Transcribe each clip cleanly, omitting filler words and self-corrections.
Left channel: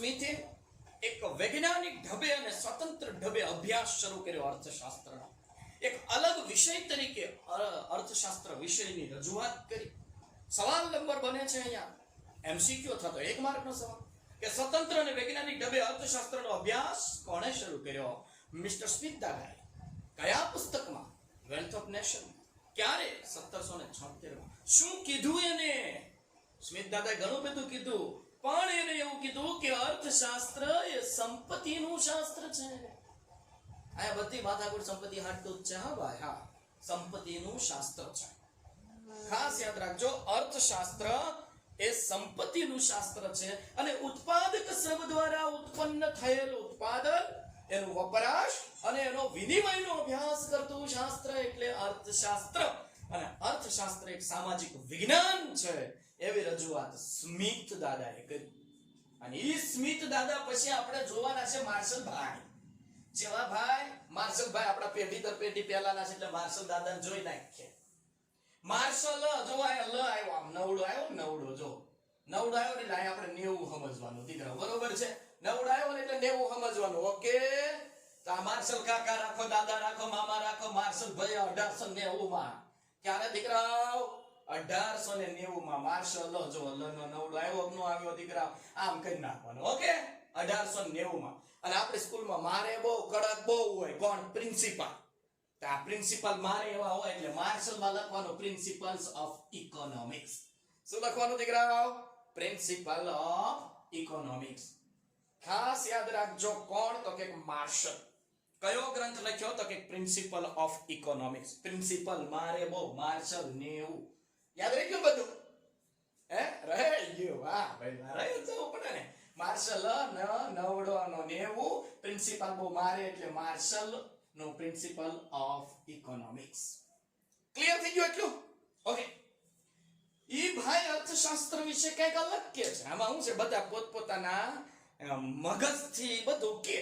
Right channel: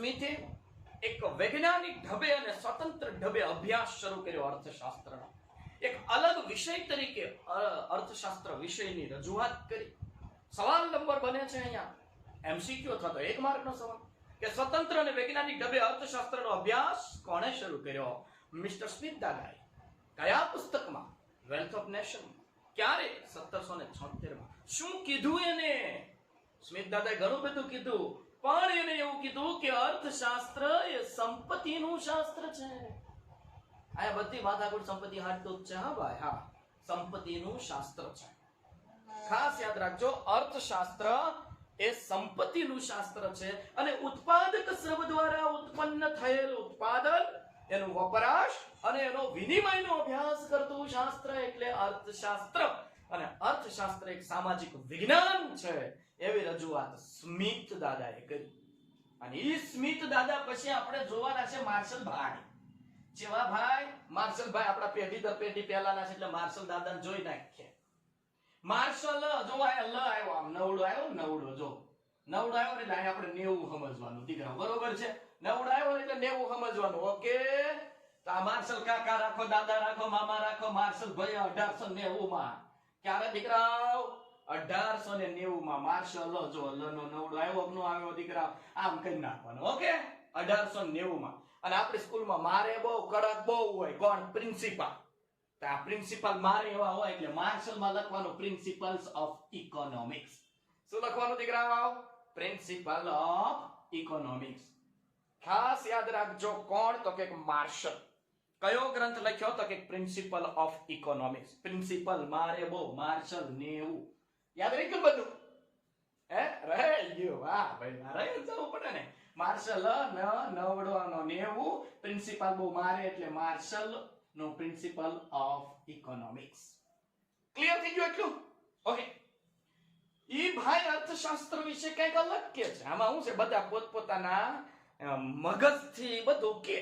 સ્મિથે એક વૈજ્ઞાનિક ઢબે અને સ્વતંત્ર ઢબે અભ્યાસ શરૂ કર્યો અર્થશાસ્ત્રનો. એક અલગ વિષય તરીકે અર્થશાસ્ત્ર વિષયની રજૂઆત કરી. સવાલ નંબર બને છે અહીંયા એમસીક્યુ અથવા તો 1 માર્કનો સવાલ કે સ્વતંત્ર અને વૈજ્ઞાનિક ઢબે અર્થશાસ્ત્રનો અભ્યાસ કોણે શરૂ કર્યો? મિસ્ટર સ્મિથ દાદાએ. કયા પુસ્તકમાં? Wealth of nation. ક્યારે? 1776માં. શું કીધું એને? સ્મિથ દાદાએ ઘણું બધું કીધું, પણ એને એવું કીધું કે અર્થશાસ્ત્ર એ સંપત્તિનું શાસ્ત્ર છે. આ બધી માથાકૂટ સંપત્તિ હાટતું જ છે. હા ભાઈ, હા, સંપત્તિનું શાસ્ત્ર છે. ખાસ યાદ રાખજો, અર્થશાસ્ત્ર એ સંપત્તિનું શાસ્ત્ર છે અને ઉત્પાદક શ્રમ દ્વારા ઉત્પન્ન થયેલ ઉત્પાદન, એનું વપરાશ અને એનો વિનિમયનો અભ્યાસ કરતું શાસ્ત્ર એટલે અર્થશાસ્ત્ર. અને અર્થશાસ્ત્ર એક સામાજિક વિજ્ઞાન છે એવી રજૂઆત સ્મિથ દાદાએ કરી. અને એ સ્મિથ દાદા પછી આપણે જોવાના છે માર્શલ ભાઈ. જેવા ભાઈ માર્શલ ભાઈ આપણા પેઢી દર પેઢી પહેલાના છે એટલે માર્શલ દાદાને જોઈ નાખીએ. માર્શલ જો લ આવ્યો, આમ નવડો આવ્યો, નવડો જો નવડો આવ્યો એટલે આપણે 90 સમજવાનું દીકરા, બરોબર છે? નવડો આવ્યો એટલે 90 સમજવાનું. ઓકે, તો આ માર્શલ કાકા રાખો, દાદા રાખો, મામા રાખો. માર્શલ ભાઈ 1890માં. ક્યારે દીકરાઓ? 1890માં. માર્શલ જો લ નો નવડો આવ્યો, નો આવ્યો દીકરા, આમ કરી નાખવાનું. ઓકે, 1890માં. અને આપણી સ્કૂલમાં મારે બહુ કડક બહુ હોય. કોણ? પ્રિન્સિપાલ. તો આ પ્રિન્સિપાલ મારે એવા હોય એટલે માર્શલમાં લખવાનું પ્રિન્સિપલ્સ ઓફ ઇકોનોમિક્સ. શું લખવાનું દીકરાઓ? Principal of economics. ખાસ યાદ રાખજો, કોણ? તો કે માર્શલ. કયો ગ્રંથ લખ્યો? તો કે પ્રિન્સિપલ ઓફ ઇકોનોમિક્સ. પ્રિન્સિપલ મારે બહુ, માર્શલ 90. યાદ રાખ્યું બધું? હે, રહી ગયું? હા ભાઈ, રહી જવું પડે ને. માર્શલ નવડો નો 90, પ્રિન્સિપલ બહુ મારે એટલે માર્શલ નો પ્રિન્સિપલ ઓફ ઇકોનોમિક્સ. ક્લિયર થઈ ગયું એટલું? ઓકે. ઈ ભાઈ અર્થશાસ્ત્ર વિશે કંઈક અલગ કે છે. આમાં શું છે, બધા પોતપોતાના મગજથી બધું કે.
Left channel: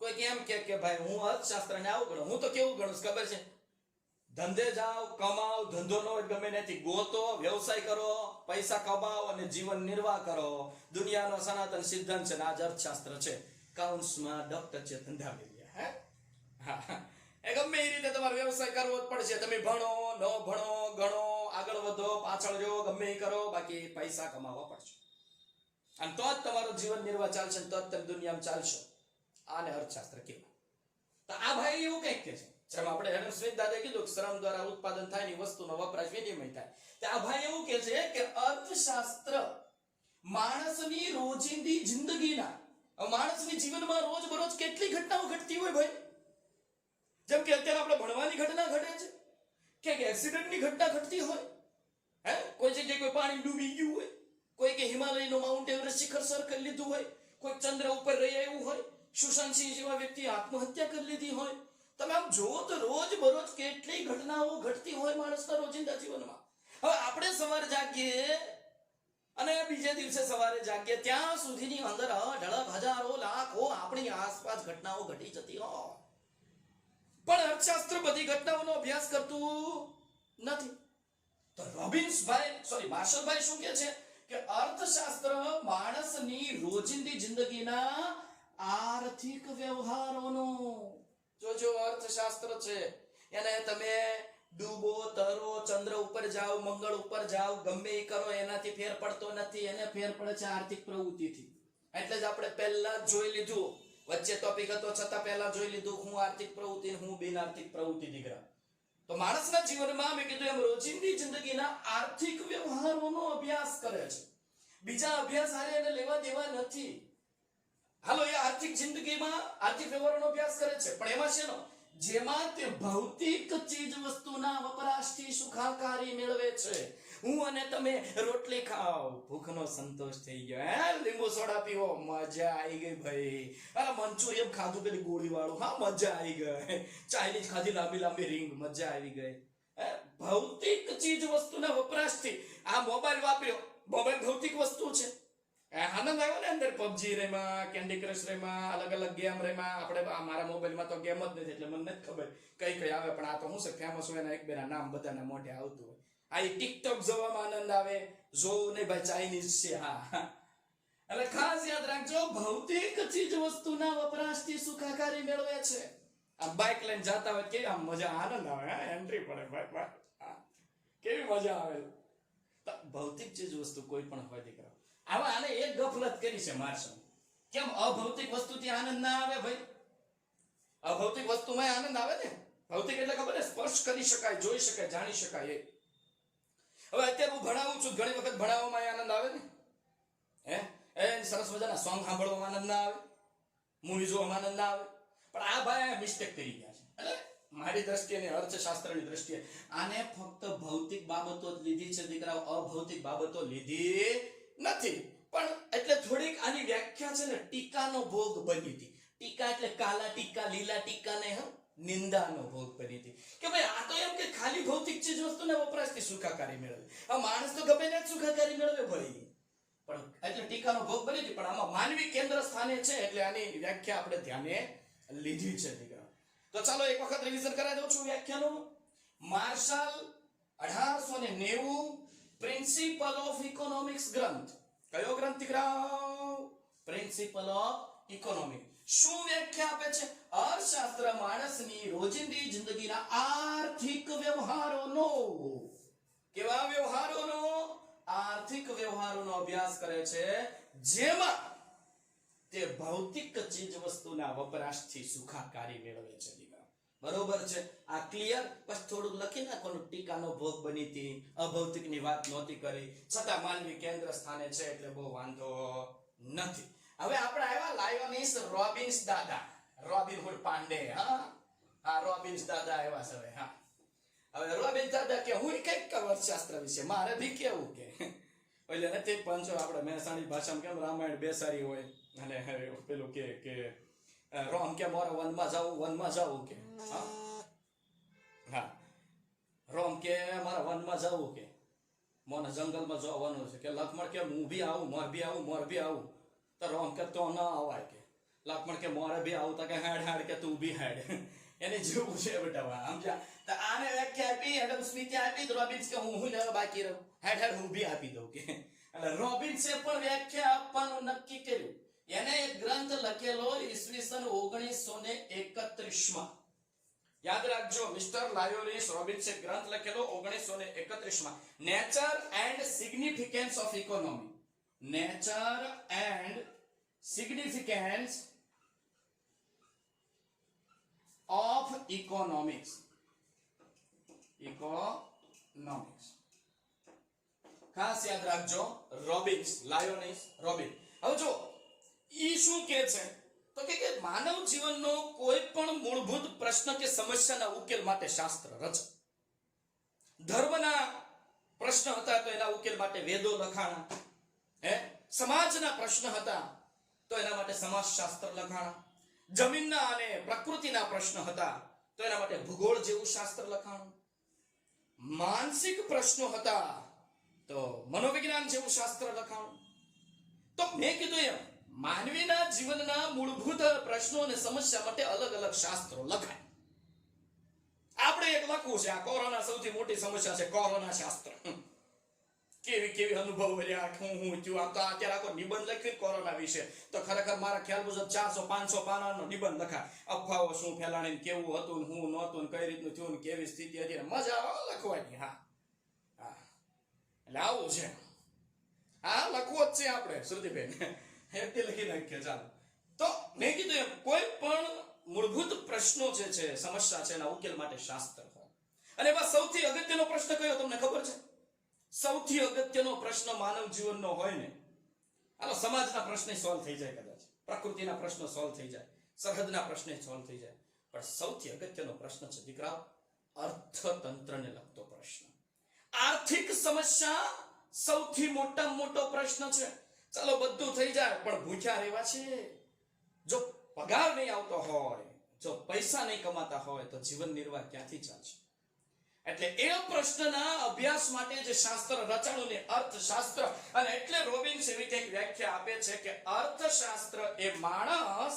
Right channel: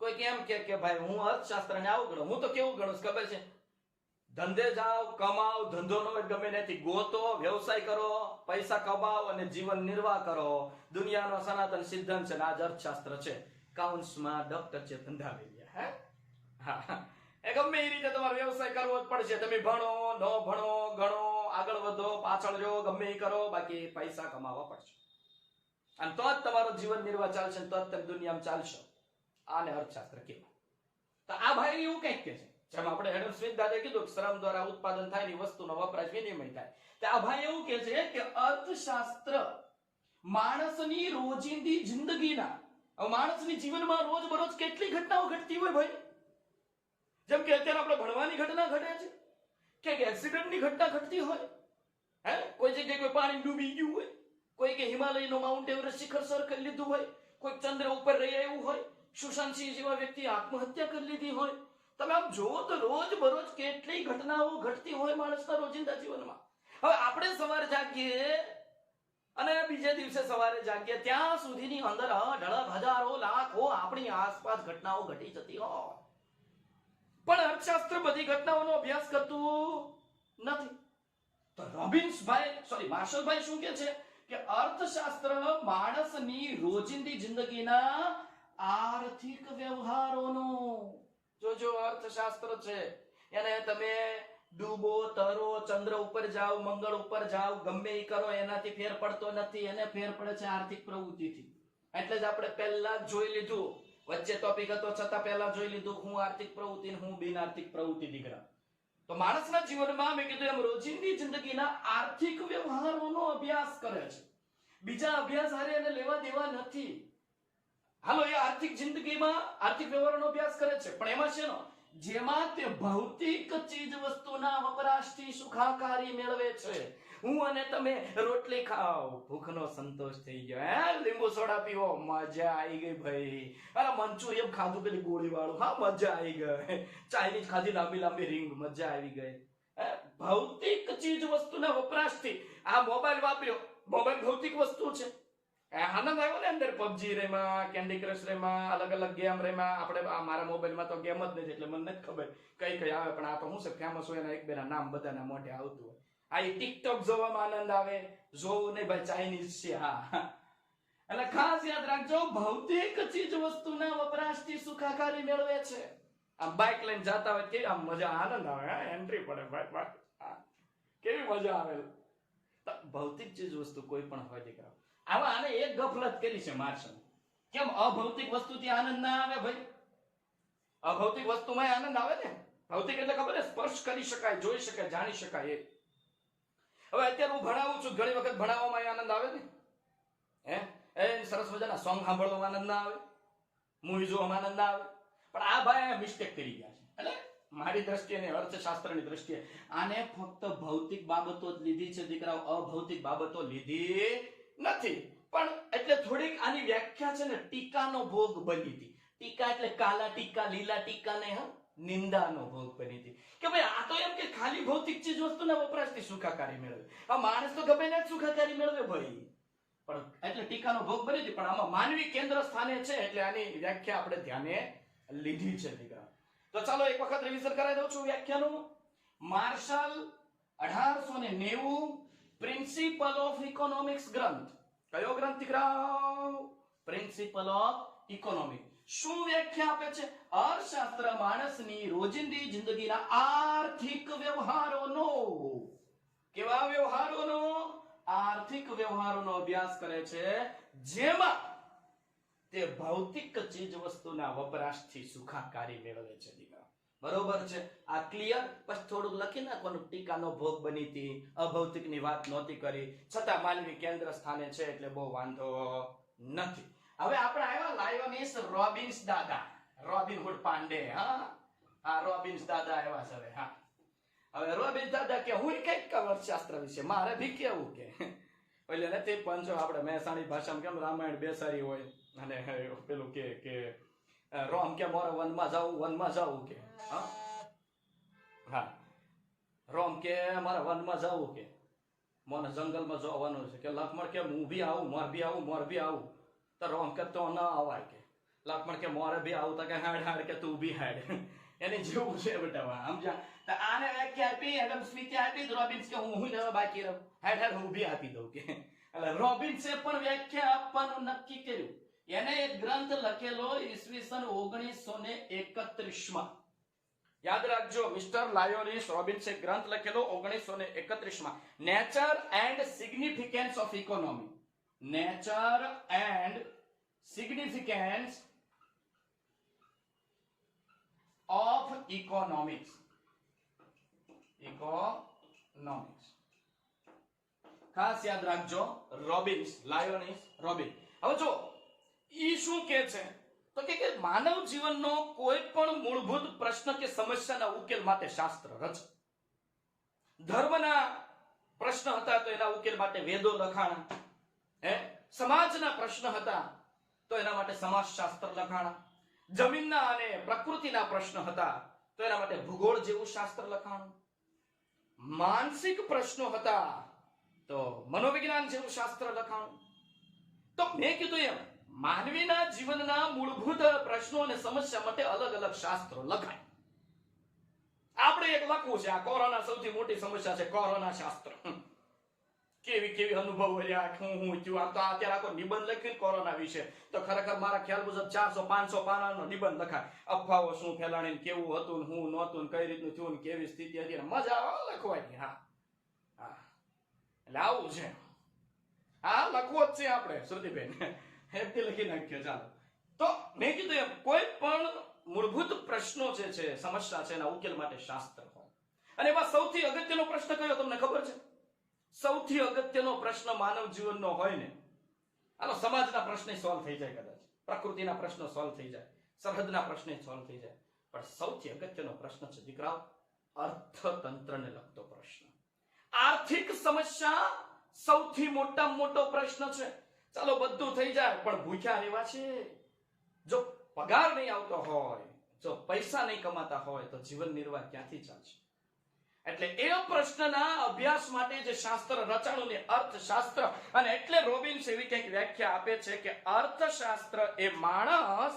કોઈ કેમ કે ભાઈ હું અર્થશાસ્ત્રને આવું ગણું. હું તો કેવું ગણું ખબર છે? ધંધે જાઓ, કમાઓ, ધંધો ન હોય ગમે ત્યાંથી ગોતો, વ્યવસાય કરો, પૈસા કમાઓ અને જીવન નિર્વાહ કરો. દુનિયાનો સનાતન સિદ્ધાંત છે ને આ જ અર્થશાસ્ત્ર છે. કાઉન્સમાં ડોક્ટર છે ધંધાવેલિયા. હે, હા, એ ગમે એ રીતે તમારો વ્યવસાય કરવો જ પડશે. તમે ભણો, ન ભણો, ગણો, આગળ વધો, પાછળ જો, ગમે એ કરો, બાકી પૈસા કમાવા પડશે. અને તો જ તમારો જીવન નિર્વાહ ચાલશે, તો જ તમે દુનિયામાં ચાલશો. આને અર્થશાસ્ત્ર કહેવાય. તો આ ભાઈ એવું કંઈક કે છે, જેમ આપણે હેડન સ્મિથ દાદાએ કીધું શ્રમ દ્વારા ઉત્પાદન થાય ની વસ્તુનો વપરાશ વિનિમય થાય. તો આ ભાઈ એવું કે છે કે અર્થશાસ્ત્ર માણસની રોજિંદી જિંદગીના, માણસની જીવનમાં રોજબરોજ કેટલી ઘટનાઓ ઘટતી હોય ભાઈ. જેમ કે અત્યારે આપણે ભણવાની ઘટના ઘટે છે, કે એક્સિડન્ટની ઘટના ઘટતી હોય. હે, કોઈ જગ્યાએ કોઈ પાણી ડૂબી ગયું હોય, કોઈ કે હિમાલયનો માઉન્ટ એવરેસ્ટ શિખર સર કરી લીધું હોય, કોઈ ચંદ્ર ઉપર રહી આવ્યું હોય, સુશાંત સિંહ જેવા વ્યક્તિ આત્મહત્યા કરી લીધી હોય. તમે આમ જોવો તો રોજ બરોજ કેટલી ઘટનાઓ ઘટતી હોય માણસના રોજિંદા જીવનમાં. હવે આપણે સવારે જાગીએ અને બીજે દિવસે સવારે જાગીએ ત્યાં સુધીની અંદર ઢળક હજારો લાખો આપણી આસપાસ ઘટનાઓ ઘટી જતી હોય. પણ અર્થશાસ્ત્ર બધી ઘટનાઓનો અભ્યાસ કરતું નથી. તો માર્શલભાઈ શું કહે છે કે અર્થશાસ્ત્ર માણસની રોજિંદી જિંદગીના આર્થિક વ્યવહારોનો જો અર્થશાસ્ત્ર છે. એને તમે ડૂબો, તરો, ચંદ્ર ઉપર જાઓ, મંગળ ઉપર જાઓ, ગમે એ કરો, એનાથી ફેર પડતો નથી. એને ફેર પડે છે આર્થિક પ્રવૃત્તિથી. એટલે જ આપણે પહેલા જોઈ લીધું, વચ્ચે ટોપિક હતો છતાં પહેલા જોઈ લીધું હું આર્થિક પ્રવૃત્તિ, હું બિન આર્થિક પ્રવૃત્તિ દીકરા. તો માણસના જીવનમાં મેં કીધું એમ રોજિંદી જિંદગીના આર્થિક વ્યવહારોનો અભ્યાસ કરે છે. બીજા અભ્યાસ હારે એને લેવા દેવા નથી. હાલો, એ આર્થિક જિંદગીમાં આર્થિક વ્યવહારોનો અભ્યાસ કરે છે, પણ એમાં શેનો? જેમાં તે ભૌતિક ચીજ વસ્તુના વપરાશથી સુખાકારી મેળવે છે. હું અને તમે રોટલી ખાઓ, ભૂખનો સંતોષ થઈ ગયો. હે, લીંબુ સોડા પીવો, મજા આવી ગઈ ભાઈ. અરે મંચુરિયન ખાધું પેલી ગોળી વાળું, હા મજા આવી ગઈ. ચાઇનીઝ ખાધી લાંબી લાંબી રીંગ, મજા આવી ગઈ. ભૌતિક ચીજ વસ્તુના વપરાશથી આ મોબાઈલ વાપર્યો, મોબાઈલ ભૌતિક વસ્તુ છે. આનંદ આવ્યો ને અંદર, પબજી રેમાં, કેન્ડી ક્રશ રેમાં, અલગ અલગ ગેમ રેમાં. આપણે મારા મોબાઈલમાં તો ગેમ જ નથી એટલે મને નથી ખબર કઈ કઈ આવે, પણ આ તો શું છે ફેમસ હોય એના એક બેના નામ બધાના મોઢે આવતું હોય. આ ટિકટોક જોવામાં આનંદ આવે. જોવું નહીં ભાઈ, ચાઇનીઝ છે. હા, એટલે ખાસ યાદ રાખજો, ભૌતિક ચીજ વસ્તુના વપરાશથી સુખાકારી મેળવે છે. આમ બાઇક લઈને જતા હોય કે આમ મજા આનંદ આવે, હા એન્ટ્રી પડે ભાઈ, કેવી મજા આવે. ભૌતિક ચીજ વસ્તુ કોઈ પણ હોય દીકરા, આવા આને એક ગફલત કરી છે માર્શલ. કેમ અભૌતિક વસ્તુથી આનંદ ના આવે ભાઈ? અભૌતિક વસ્તુમાં આનંદ આવે ને. ભૌતિક એટલે ખબર છે, સ્પર્શ કરી શકાય, જોઈ શકાય, જાણી શકાય. હવે અત્યારે હું ભણાવું છું, ઘણી વખત ભણાવવામાં આનંદ આવે ને. હે સરસ મજાના સોંગ સાંભળવામાં આનંદ ના આવે, મૂવી જોવામાં આનંદ ના આવે. પણ આ ભાઈ મિસ્ટેક કરી ગયા છે. એટલે મારી દ્રષ્ટિએ ને અર્થશાસ્ત્રની દ્રષ્ટિએ આને ફક્ત ભૌતિક બાબતો જ લીધી છે દીકરાઓ, અભૌતિક બાબતો લીધી નથી. પણ એટલે થોડીક આની વ્યાખ્યા છે ને ટીકાનો ભોગ બની હતી. ટીકા એટલે કાલા ટીકા, લીલા ટીકા ને નિંદાનો ભોગ બની હતી કે ભાઈ આ તો એમ કે ખાલી ભૌતિક ચીજ વસ્તુના વપરાશથી સુખાકારી મેળવે. આ માણસ તો ગમે ને જ સુખાકારી મેળવે ભાઈ. પણ એટલે ટીકાનો ભોગ બની હતી, પણ આમાં માનવી કેન્દ્ર સ્થાને છે એટલે આની વ્યાખ્યા આપણે ધ્યાને લીધી છે દીકરા. તો ચાલો એક વખત રિવિઝન કરાવી દઉં છું વ્યાખ્યાનું. માર્શલ 1890 પ્રિન્સિપલ ઓફ ઇકોનોમિક્સ ગ્રંથ. કયો ગ્રંથ દીકરા? Principal of economics. શું વ્યાખ્યા આપે છે? અર્થશાસ્ત્ર માણસની રોજિંદી જિંદગીના આર્થિક વ્યવહારોનો, કેવા વ્યવહારોનો? આર્થિક વ્યવહારોનો અભ્યાસ કરે છે, જેમાં તે ભૌતિક ચીજ વસ્તુના વપરાશથી સુખાકારી મેળવે છે દીકરા. બરોબર છે? આ ક્લિયર? બસ થોડુંક લખી નાખવાનું, ટીકાનો ભોગ બની હતી, અભૌતિકની વાત નહોતી કરી, છતાં માનવી કેન્દ્ર સ્થાને છે એટલે બહુ વાંધો નથી. હવે આપણે આવ્યા લાયોનિસ રોબિન્સ દાદા, રોબિનહુડ પાંડે. હા રોબિન્સ દાદા આવ્યા છે. હા હવે રોબિન્સ દાદા કે હું કઈક અર્થશાસ્ત્ર વિશે મારે ભી કેવું કે એટલે નથી પંચો આપણે મહેસાણી ભાષામાં કેમ રામાયણ બેસાડી હોય અને પેલું કે રોમ કે મારા વનમાં જાવું કે હા રોમ કે મારા વનમાં જાવું કે મને જંગલમાં જવાનું છે કે લક્ષ્મણ કે હું બી આવું, મોર બી આવું. તો રોમ કે તો ના અવાય કે. લક્ષ્મણ કે મોરે બી આવું તો કે હાડ કે તું બી હાડ. એને જેવું છે બેટા. સમજ્યા? તો આને વ્યાખ્યા આપી, એડમ સ્મિથે આપી, રોબિન્સ કે હું લેવા બાકી રહું, હાડ હું બી આપી દઉં કે. એટલે રોબિન્સે પણ વ્યાખ્યા આપવાનું નક્કી કર્યું. એને એક ગ્રંથ લખેલો ઈસવીસન 1931 માં. યાદ રાખજો, મિસ્ટર લાયોનિસ રોબિન્સે ગ્રંથ લખેલો 1931 માં, nature and significance of economy. Nature and significance of economics. Economics ખાસ યાદ રાખજો, રોબિન્સ, લાયોનિસ રોબિન. હવે જો ઈ શું કહે છે તો કે માનવ જીવનનો કોઈ પણ મૂળભૂત પ્રશ્ન કે સમસ્યાના ઉકેલ માટે શાસ્ત્ર રચે. ધર્મના પ્રશ્ન હતા તો એના ઉકેલ માટે વેદો લખાણા. સમાજના પ્રશ્ન હતા તો એના માટે સમાજશાસ્ત્ર લખાણા. જમીનના અને પ્રકૃતિના પ્રશ્ન હતા તો એના માટે ભૂગોળ જેવું શાસ્ત્ર લખાણું. માનસિક પ્રશ્નો હતા તો મનોવિજ્ઞાન જેવું શાસ્ત્ર લખાણું. તો મેં કીધું એમ માનવીના જીવનના મૂળભૂત પ્રશ્નો અને સમસ્યા માટે અલગ અલગ શાસ્ત્રો લખાય. આપણે એક લખવું છે, આ કોરોના સૌથી મોટી સમસ્યા છે, કોરોના શાસ્ત્ર. કેવી અનુભવ રહ્યા, હું થયું. આમ તો અત્યારે આખો નિબંધ લખ્યો કોરોના વિશે તો ખરેખર મારા ખ્યાલ મુજબ 400-500 પાનાનો નિબંધ લખાય. અફવાઓ શું ફેલાણી, કેવું હતું, હું નહોતું, કઈ રીતનું થયું, કેવી સ્થિતિ હતી, મજા આવે લખવાની. હા એટલે આવું છે. હા લખવો જ છે આપણે શ્રુતિબેન, એમથી લખી નાખીએ. ચાલો, તો મેં કીધું એમ કોઈ પણ મૂળભૂત પ્રશ્નો જે છે, સમસ્યા છે, એના ઉકેલ માટે શાસ્ત્ર હોય. અને એમાં સૌથી અગત્યનો પ્રશ્ન કયો તમને ખબર છે? સૌથી અગત્યનો પ્રશ્ન માનવ જીવનનો હોય ને, આનો સમાજના પ્રશ્ન સોલ્વ થઈ જાય, કદાચ પ્રકૃતિના પ્રશ્નો સોલ્વ થઈ જાય, સરહદના પ્રશ્ન સોલ્વ થઈ જાય, પણ સૌથી અગત્યનો પ્રશ્ન છે દીકરાઓ અર્થતંત્રને લગતો પ્રશ્ન. આર્થિક સમસ્યા સૌથી મોટામાં મોટો પ્રશ્ન છે. ચાલો બધું થઈ જાય પણ ભૂખ્યા રહેવા છે. જો પગાર નહીં આવતો હોય, જો પૈસા નહીં કમાતા હોય તો જીવન નિર્વાહ ક્યાંથી ચાલશે? એટલે એ પ્રશ્નના અભ્યાસ માટે જે શાસ્ત્ર રચાણું ને અર્થશાસ્ત્ર. અને એટલે રોબિન્સ એવી કંઈક વ્યાખ્યા આપે છે કે અર્થશાસ્ત્ર એ માણસ,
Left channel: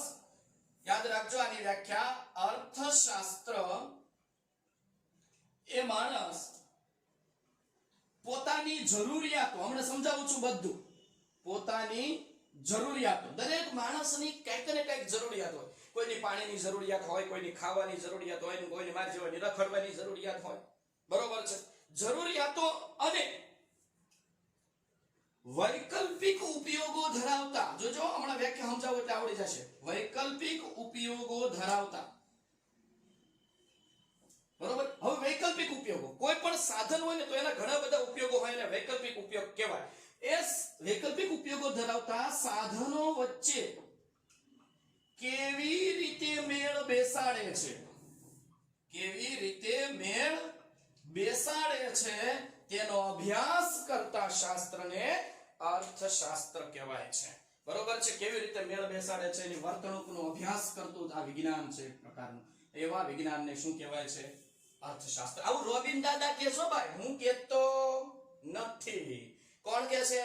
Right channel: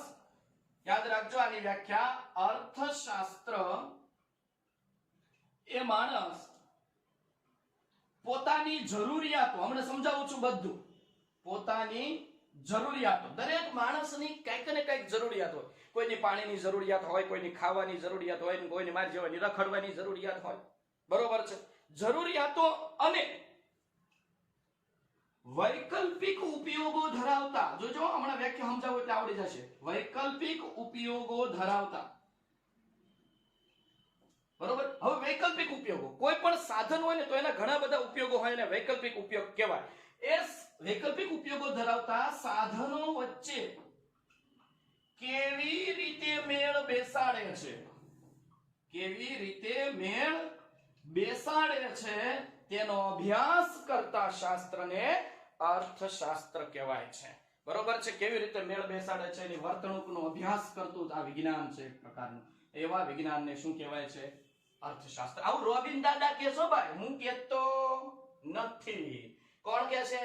યાદ રાખજો આની વ્યાખ્યા, અર્થશાસ્ત્ર એ માણસ પોતાની જરૂરિયાતો, હમણાં સમજાવું છું બધું, પોતાની જરૂરિયાતો દરેક માણસની કંઈક ને કંઈક જરૂરિયાત હોય. કોઈની પાણીની જરૂરિયાત હોય, કોઈની ખાવાની જરૂરિયાત હોય, કોઈની માર જેવાની રખડવાની જરૂરિયાત હોય. બરોબર છે. જરૂરિયાતો અને વૈકલ્પિક ઉપયોગો ધરાવતા, જોજો હમણાં વ્યાખ્યા સમજાવો એટલે આવડી જશે. વૈકલ્પિક ઉપયોગો ધરાવતા, બરોબર. હવે વૈકલ્પિક ઉપયોગો, કોઈ પણ સાધન હોય ને તો એના ઘણા બધા ઉપયોગો હોય ને વૈકલ્પિક ઉપયોગ કહેવાય. એ વૈકલ્પિક ઉપયોગો ધરાવતા સાધનો વચ્ચે કેવી રીતે મેળ બેસાડે છે, કેવી રીતે મેળ બેસાડે છે તેનો અભ્યાસ કરતા શાસ્ત્રને અર્થશાસ્ત્ર કહેવાય છે. બરોબર છે. કેવી રીતે મેળ બેસાડે છે એની વર્તણૂકનો અભ્યાસ કરતું આ વિજ્ઞાન છે એક પ્રકારનું. એવા વિજ્ઞાનને શું કહેવાય છે? અર્થશાસ્ત્ર. આવું રોબિન દાદા કે છો ભાઈ, હું કહેતો નથી. કોણ કે છે?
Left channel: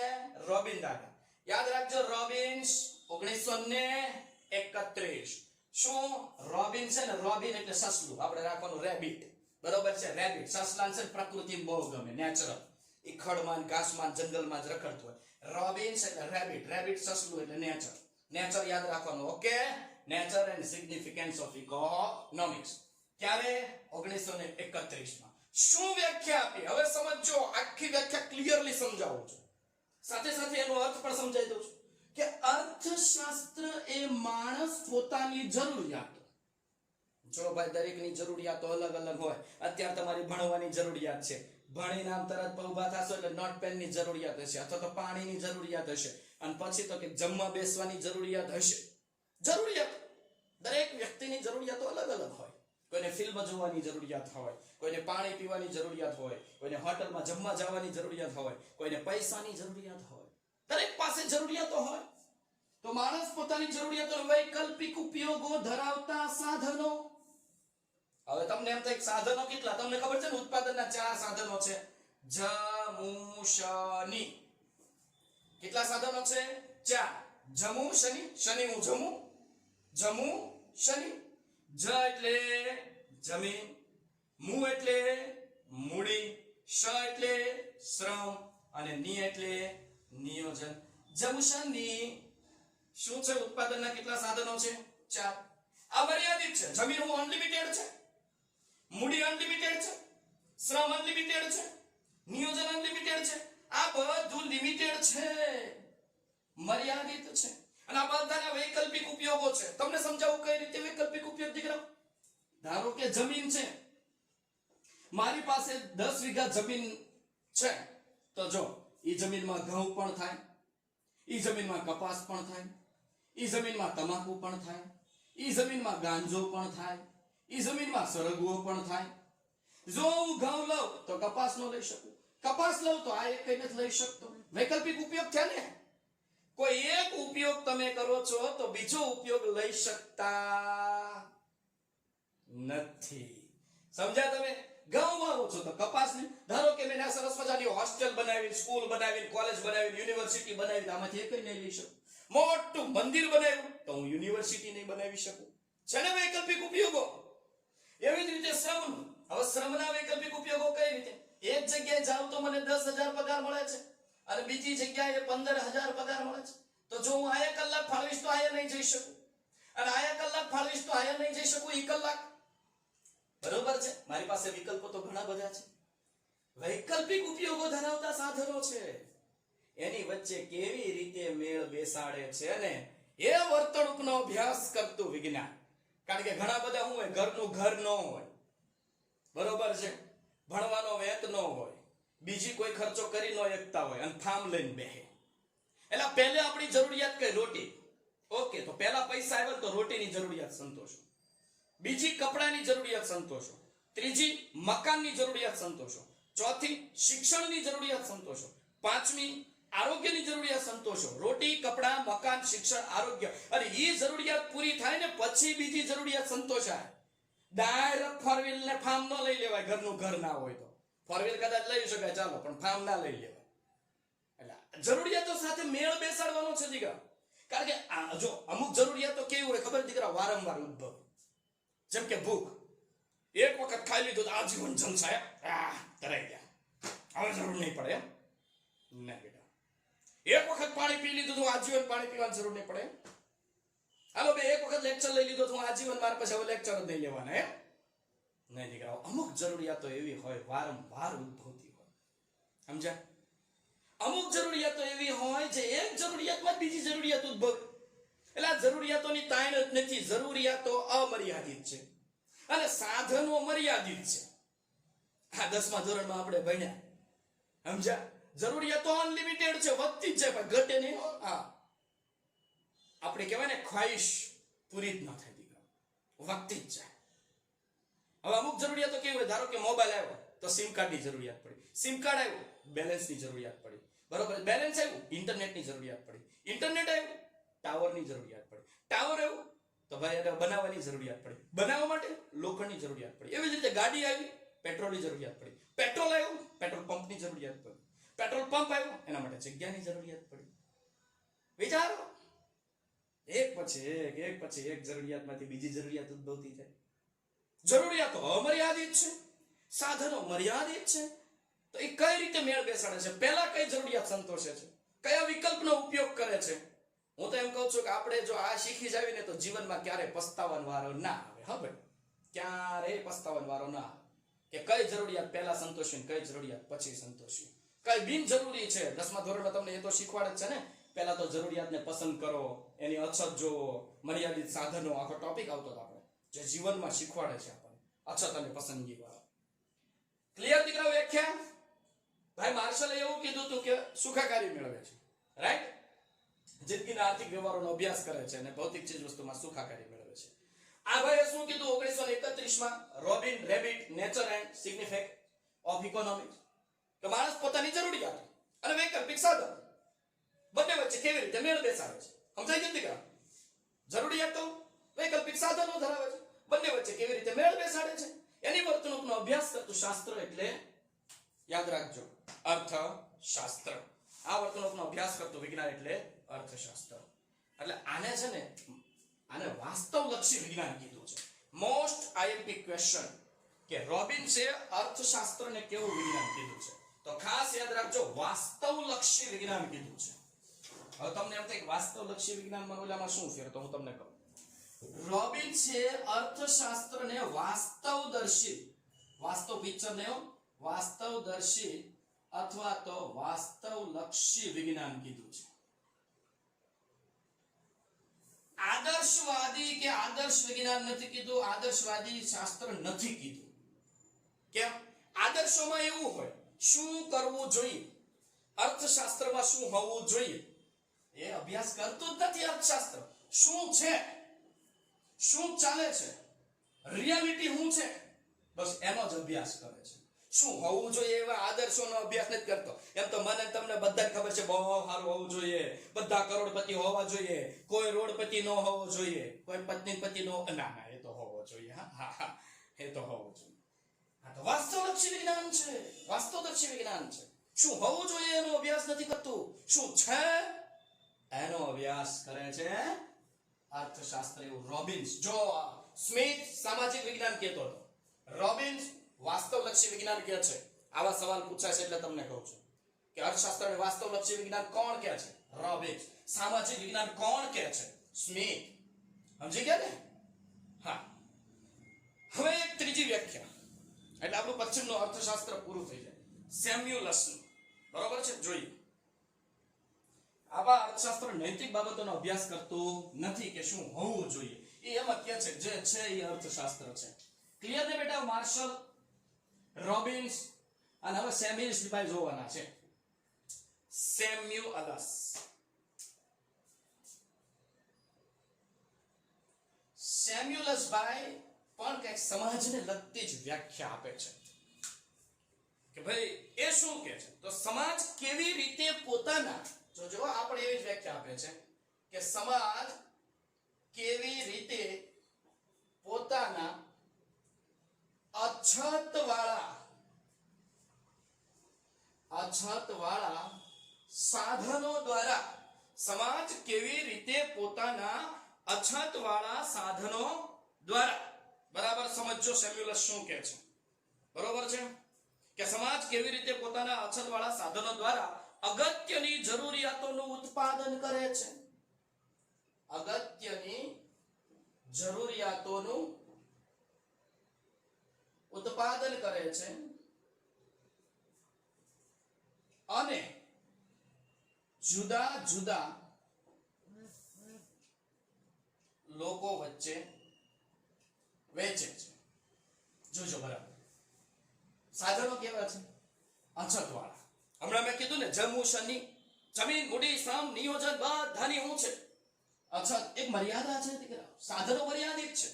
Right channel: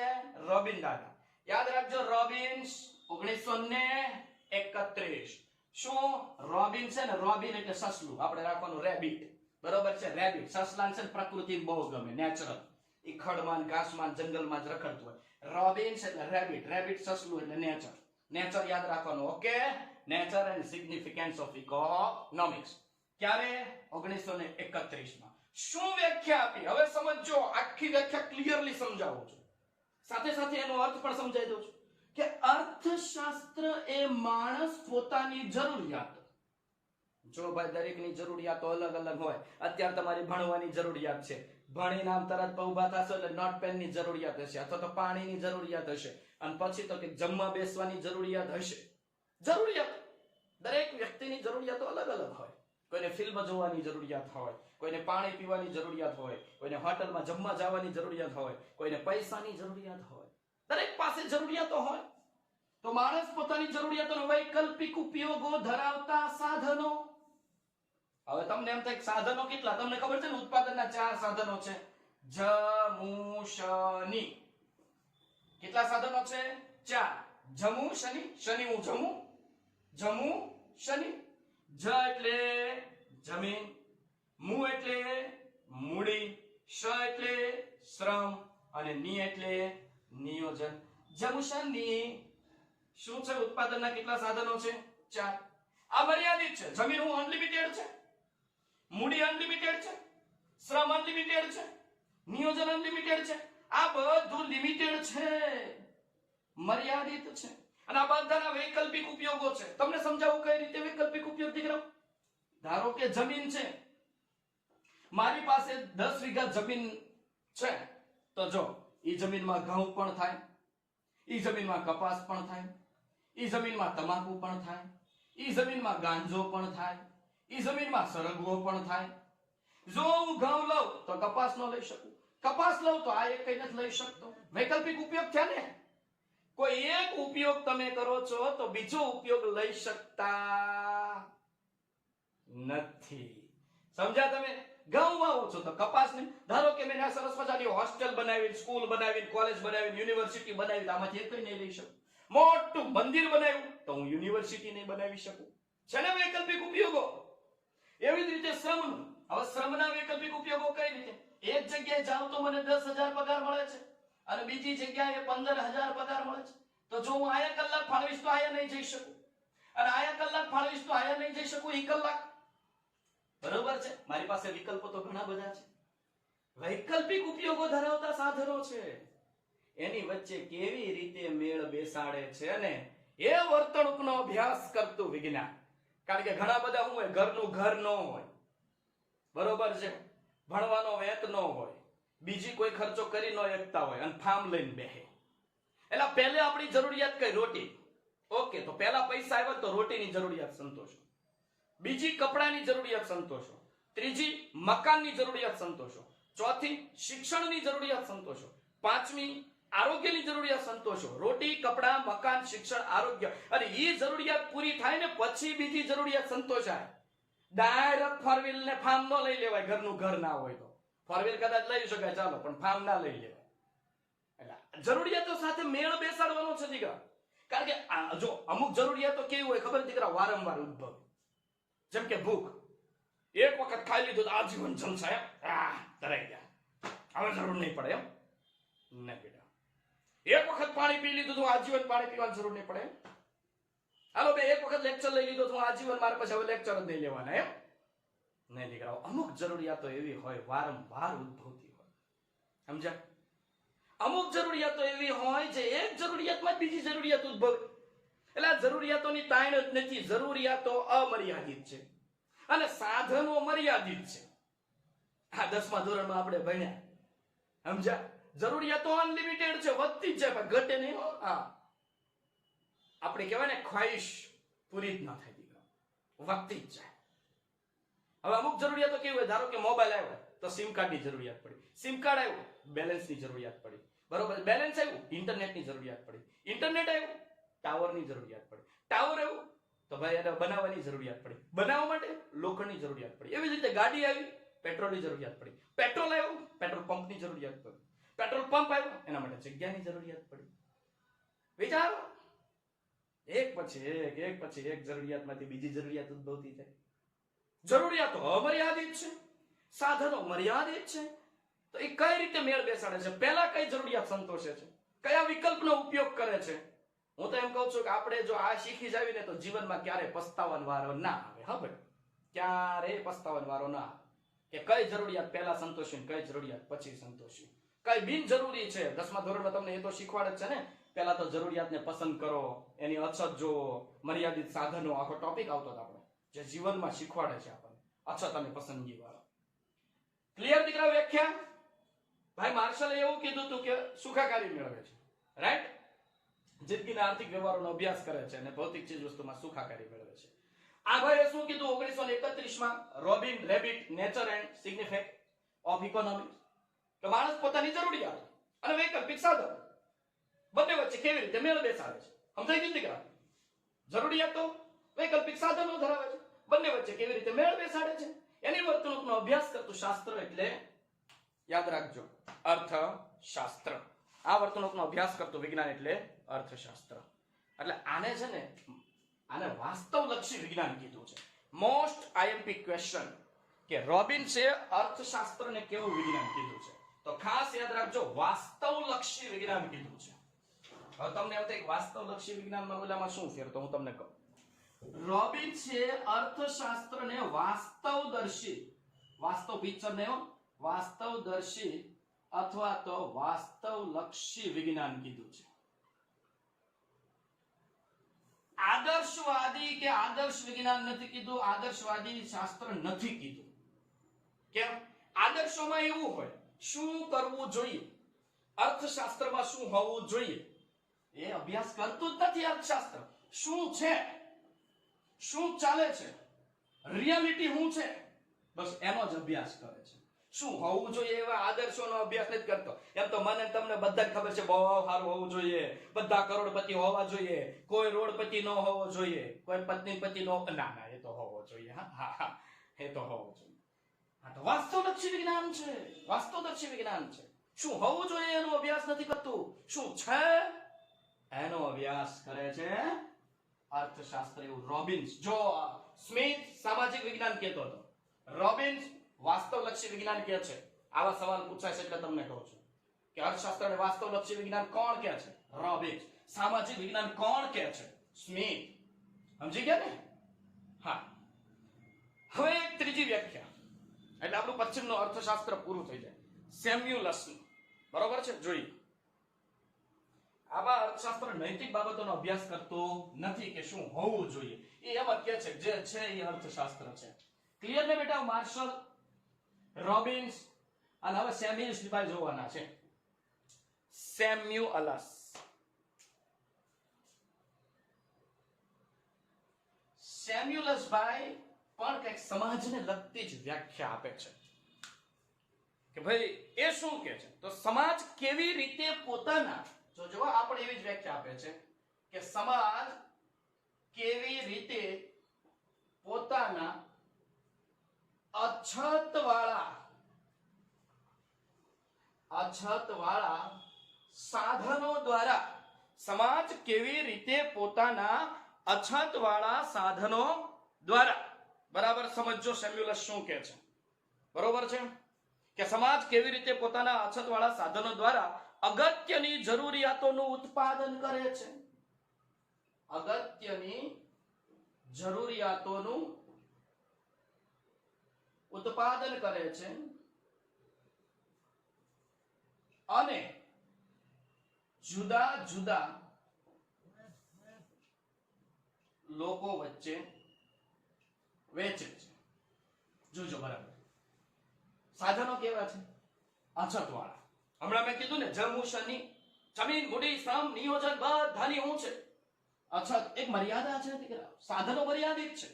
રોબિન દાદા. યાદ રાખજો, રોબિન્સ 1931. શું રોબિન છે ને? રોબિન એટલે સસલું, આપણે રાખવાનું રેબિટ. બરોબર છે. રેબિટ સસલાન છે, પ્રકૃતિ બહુ ગમે, નેચરલ. ઈ ખડમાં ઘાસમાં જંગલમાં જ રખડતું હોય. રોબિન્સ એટલે રેબિટ, રેબિટ સસલું એટલે નેચર. નેચર યાદ રાખવાનું. Okay. Nature and significance of economics. ક્યારે? 1931 માં. શું વ્યાખ્યા આપી? હવે સમજો, આખી વ્યાખ્યા ક્લિયરલી સમજાવું છું, સાથે સાથે એનો અર્થ પણ સમજાવી દઉં છું કે અર્થશાસ્ત્ર એ માણસ પોતાની જરૂરિયાતો, જો ભાઈ દરેકની જરૂરિયાતો અલગ અલગ હોય. અત્યારે તમારી ભણવાની જરૂરિયાત છે, ભણીને આમ તરત ઊભા થશો એટલે નોટ પેનની જરૂરિયાત હશે, અથવા તો પાણીની જરૂરિયાત હશે, અને પછી તો કે જમવા બેસવાની જરૂરિયાત હશે. જરૂરિયાત દરેક વ્યક્તિની જરૂરિયાતો અલગ અલગ હોય. કોઈને ફિલ્મ જોવાની જરૂરિયાત હોય, કોઈને પાણી પીવાની જરૂરિયાત હોય, કોઈને હોટલમાં જમવા જવાની જરૂરિયાત હોય, કોઈને પૈસાની જરૂરિયાત હોય. દરેક પાસે જરૂરિયાતો હોય. તો માણસ પોતાની જરૂરિયાતોનો વૈકલ્પિક ઉપયોગો ધરાવતા સાધનો. હવે તમને એમ થાય સાધનો કેટલા? તમને ખબર છે ને, ઉત્પાદનના 4 સાધનો છે. જમુશની. કેટલા સાધનો છે? 4. જમુશની, શનિ હું જમું, જમુ શનિ. જ એટલે જમીન, મુ એટલે મૂડી, શ એટલે શ્રમ, અને ની એટલે નિયોજન. જમુશની શું છે? ઉત્પાદનના કેટલા સાધનો છે? 4. આ મર્યાદિત છે. જમીન હું અનલિમિટેડ છે, મૂડી અનલિમિટેડ છે, શ્રમ અનલિમિટેડ છે, નિયોજન અનલિમિટેડ છે. આ બધું લિમિટેડ છે, મર્યાદિત છે. અને આ બધાના વૈકલ્પિક ઉપયોગો છે. તમને સમજાવું કઈ રીતે વૈકલ્પિક ઉપયોગ દીકરા. ધારો કે જમીન છે, મારી પાસે 10 વીઘા જમીન છે, તો જો ઈ જમીનમાં ઘઉં પણ થાય, ઈ જમીનમાં કપાસ પણ થાય, ઈ જમીનમાં તમાકુ પણ થાય, ઈ જમીનમાં ગાંજો પણ થાય, ઈ જમીનમાં સરગવો પણ થાય. જો હું ઘઉં લઉં તો કપાસ નો લઈ શકું, કપાસ લઉં તો આ એક કઈ નથી લઈ શકતો. વૈકલ્પિક ઉપયોગ છે ને. કોઈ એક ઉપયોગ તમે કરો છો તો બીજો ઉપયોગ લઈ શકતા નથી. સમજ્યા તમે? ઘઉં વાવો છો તો કપાસ નહીં. ધારો કે મેં આ સરસ મજાની હોસ્ટેલ બનાવી, સ્કૂલ બનાવી, કોલેજ બનાવી, યુનિવર્સિટી બનાવી, આમાંથી એક નહીં લઈ શકું. મોટું મંદિર બનાવ્યું તો હું યુનિવર્સિટી નહીં બનાવી શકું. છે ને વૈકલ્પિક ઉપયોગો. એવી જ રીતે શ્રમનું. હવે શ્રમના વૈકલ્પિક ઉપયોગો કઈ રીતે? એક જગ્યાએ જાઉં તો મને 10,000 પગાર મળે છે, અને બીજી જગ્યાએ 15,000 પગાર મળે છે. તો જો હું આયા કલાક ફાળવીશ તો આયા નહીં જઈ શકું, અને આયા કલાક ફાળવીશ તો આયા નહીં જઈ શકું. ઈ કલાક બરોબર છે. મારી પાસે વિકલ્પો તો ઘણા બધા છે. વૈકલ્પિક ઉપયોગો ધરાવતા સાધનો છે, એની વચ્ચે કેવી રીતે મેળ બેસાડે છે ને એ વર્તણૂકનો અભ્યાસ કરતું વિજ્ઞાન. કારણ કે ઘણા બધા શું હોય, ઘરનું ઘર ન હોય, બરોબર છે, ભણવાનો વેત ન હોય, બીજી કોઈ ખર્ચો કરી ન શકતા હોય, અને ફાર્મ લઈને બેહે. એટલે પહેલે આપણી જરૂરિયાત કઈ? રોટી. ઓકે, તો પહેલા પૈસા આવ્યા તો રોટીની જરૂરિયાત સંતોષો, બીજી કપડાની જરૂરિયાત સંતોષો, ત્રીજી મકાનની જરૂરિયાત સંતોષો, ચોથી શિક્ષણની જરૂરિયાત સંતોષો, પાંચમી આરોગ્યની જરૂરિયાત સંતોષો. રોટી, કપડા, મકાન, શિક્ષણ, આરોગ્ય. અને એ જરૂરિયાત પૂરી થાય ને પછી બીજી જરૂરિયાત સંતોષાય. ડાયરેક્ટ ફોરવ્હીલ ને ફાર્મ ન લઈ લેવાય. ઘરનું ઘર ના હોય તો ફોરવ્હીલ કદાચ લઈ શકાય, ચાલો, પણ ફાર્મ ના લઈ લેવાય. એટલે જરૂરિયાતો સાથે મેળ બેસાડવાનો છે દીકરા. કારણ કે જો અમુક જરૂરિયાતો કેવી હોય ખબર દીકરા? વારંવાર ઉદ્ભવ. જેમ કે ભૂખ. એક વખત ખાઈ લીધું તો આજીવન જલસા, તરાઈ ગયા, હવે જરૂર નહીં પડે એમ. નહીં બેટા, એક વખત પાણી પી લીધું તો આજીવન પાણી પીવાની જરૂર નહીં પડે. હાલો બે એક વખત લેક્ચર લઈ લીધો તો આજીવન મારે પછી હવે લેક્ચર જ નહીં લેવાના એમ નહીં દીકરાઓ. અમુક જરૂરિયાતો એવી હોય વારંવાર ઉદ્ભવતી હોય, સમજ્યા? અમુક જરૂરિયાતો એવી હોય જે એક જરૂરિયાતમાં બીજી જરૂરિયાત ઉદ્ભવે. એટલે આ જરૂરિયાતોની તાણ જ નથી. જરૂરિયાતો અમર્યાદિત છે અને સાધનો મર્યાદિત છે. આ 10મા ધોરણમાં આપણે ભણ્યા, સમજ્યા? જરૂરિયાતો અનલિમિટેડ છે, વધતી જ જાય પણ ઘટે નહીં. હા, આપણે કહેવાય ને ખ્વાહિશ પૂરી જ ન થાય દીકરા, વધતી જ જાય. હવે અમુક જરૂરિયાતો કેવી હોય, ધારો કે મોબાઈલ આવ્યો તો સિમ કાર્ડની જરૂરિયાત પડી, સિમ કાર્ડ આવ્યું બેલેન્સની જરૂરિયાત પડી, બરોબર? બેલેન્સ આવ્યું ઇન્ટરનેટની જરૂરિયાત પડી, ઇન્ટરનેટ આવ્યું ટાવરની જરૂરિયાત પડી, ટાવર આવ્યું તો ભાઈ એને બનાવવાની જરૂરિયાત પડી, બનાવવા માટે લોખંડની જરૂરિયાત પડી. એવી જ રીતે ગાડી આવી પેટ્રોલની જરૂરિયાત પડી, પેટ્રોલ આવ્યું પેટ્રોલ પંપની જરૂરિયાત પડી, પેટ્રોલ પંપ આવ્યું એના માટે જગ્યાની જરૂરિયાત પડી. વિચારો, એક પછી એક જરૂરિયાતમાંથી બીજી જરૂરિયાત ઉદ્ભવતી થાય. જરૂરિયાતો અમર્યાદિત છે, સાધનો મર્યાદિત છે. તો એ કઈ રીતે મેળ બેસાડે છે? પહેલા કઈ જરૂરિયાત સંતોષે છે, કયા વિકલ્પનો ઉપયોગ કરે છે? હું તો એમ કહું છું કે આપણે જો આ શીખી જાવી ને તો જીવનમાં ક્યારે પસ્તાવાનો વારો ના આવે. હા ભાઈ, ક્યારે પસ્તાવાનો વારો ના આવે કે કઈ જરૂરિયાત પહેલા સંતોષી, કઈ જરૂરિયાત પછી સંતોષી, કઈ બિનજરૂરી છે. 10મા ધોરણમાં તમને એ તો શીખવાડે છે ને. પહેલા તો જરૂરિયાતને પસંદ કરો, એની અછત જોવો, મર્યાદિત સાધનો, આખો ટોપિક આવતો હતો આપણે, જે જીવનમાં શીખવાડે છે આપણને અછત અને પસંદગી વાળો. ક્લિયર દીકરા? વ્યાખ્યા ભાઈ માર્શલે એવું કીધું હતું કે સુખાકારી મેળવે છે, રાઈટ? જિંદગીના આર્થિક વ્યવહારોનો અભ્યાસ કરે છે અને ભૌતિક ચીજ વસ્તુમાં સુખાકારી મેળવે છે. આ ભાઈએ શું કીધું 1931માં Robin rabbit nature and significance of economics કે માણસ પોતાની જરૂરિયાતો અને વૈકલ્પિક સાધનો બંને વચ્ચે કેવી રીતે મેળ બેસાડે છે. સમજાય છે દીકરા? જરૂરિયાતો વૈકલ્પિક સાધનો ધરાવે છે, બંને વચ્ચે કેવી રીતે મેળ બેસાડે છે એની વર્તણૂકનો અભ્યાસ કરતું શાસ્ત્ર એટલે યાદ રાખજો અર્થશાસ્ત્ર. આ વર્તણૂકનો અભ્યાસ કરતું વિજ્ઞાન એટલે અર્થશાસ્ત્ર. એટલે આને છે ને, આને વાસ્તવલક્ષી વિજ્ઞાન કીધું છે. મોસ્ટ આઈએમપી ક્વેશ્ચન કે રોબિન્સે અર્થશાસ્ત્રને કેવું વિજ્ઞાન કીધું છે? તો ખાસ યાદ રાખજો વાસ્તવલક્ષી વિજ્ઞાન કીધું છે. હવે તમને એમ થાય કે વાસ્તવલક્ષી વિજ્ઞાનમાં ઓલામાં શું ફેર? તો હું તમને કહું. રોબિન્સે અર્થશાસ્ત્રને વાસ્તવદર્શી, વાસ્તવ પિક્ચર ને વાસ્તવદર્શી અથવા તો વાસ્તવલક્ષી વિજ્ઞાન કીધું છે. આદર્શવાદી કે આદર્શ વિજ્ઞાન નથી કીધું, આદર્શવાદી શાસ્ત્ર નથી કીધું. કેમ? આદર્શોમાં એવું હોય શું કરવું જોઈએ, અર્થશાસ્ત્રમાં શું હોવું જોઈએ એ અભ્યાસ કરતું જ નથી. અર્થશાસ્ત્ર શું છે, શું ચાલે છે, રિયાલિટી શું છે, બસ એનો જ અભ્યાસ કરે છે. શું હોવું જોઈએ એવા આદર્શોનો અભ્યાસ નથી કરતો. એમ તો મને તમને બધાને ખબર છે બહુ સારું હોવું જોઈએ, બધા કરોડપતિ હોવા જોઈએ, કોઈ રોડપતિ ન હોવો જોઈએ, કોઈ પત્નીપતિ નો, ના એ તો હોવો જોઈએ. હા એ તો હોવો જોઈએ. આ તો વાસ્તવલક્ષી વિજ્ઞાન છે, વાસ્તવદર્શી વિજ્ઞાન છે. શું હોવું જોઈએ એનો અભ્યાસ નથી કરતું, શું છે એનો અભ્યાસ કરે છે અર્થશાસ્ત્ર. એવું રોબિન્સ. જો સ્મિથ સામાજિક વિજ્ઞાન કહેતો હતો, રોબિન્સ વાસ્તવલક્ષી વિજ્ઞાન કહે છે. આવા સવાલ પૂછાય છે એટલે તમને કહું છું કે અર્થશાસ્ત્રને વાસ્તવલક્ષી વિજ્ઞાન કોણ કહે છે? રોબિન્સ. સામાજિક વિજ્ઞાન કોણ કહે છે? સ્મિથ. સમજી ગયા ને? હા. હવે એક ત્રીજી વ્યાખ્યા એટલે આપણું પશ્ચિમનું અર્થશાસ્ત્ર પૂરું થઈ જાય. સેમ્યુલસનું, બરોબર છે? જોઈએ. આવા અર્થશાસ્ત્ર નૈતિક બાબતોનો અભ્યાસ કરતું નથી કે શું હોવું જોઈએ, એ એમ જ કહે છે જે છે એ અર્થશાસ્ત્ર છે. ક્લિયર ને બેટા? માર્શલ, રોબિન્સ અને હવે સેમ્યુઅલ્સ ભાઈ જોવાના છે. સેમ્યુઅલસ. સેમ્યુઅલસ ભાઈ પણ કંઈક સમાજને લગતી જ વ્યાખ્યા આપે છે કે ભાઈ એ શું કહે છે? તો સમાજ કેવી રીતે પોતાના, જો આપણે એવી જ વ્યાખ્યા આપે છે કે સમાજ કેવી રીતે પોતાના અછતવાળા સાધનો દ્વારા, સમાજ કેવી રીતે પોતાના અછતવાળા સાધનો દ્વારા, બરાબર સમજો સેમ્યુઅલસ શું કહે છે? બરોબર છે કે સમાજ કેવી રીતે પોતાના અછતવાળા સાધનો દ્વારા અગત્યની જરૂરિયાતોનું ઉત્પાદન કરે છે. અગત્યની જરૂરિયાતોનું ઉત્પાદન કરે છે અને જુદા જુદા લોકો વચ્ચે વેચે છે. જોજો બરાબર. સાધનો કેવા છે? અછતવાળા. હમણાં મેં કીધું ને, જમુ શની, જમીન, મૂડી, શ્રમ, નિયોજન બધાની શું છે? અછત. એક મર્યાદા છે દીકરા. સાધનો મર્યાદિત છે.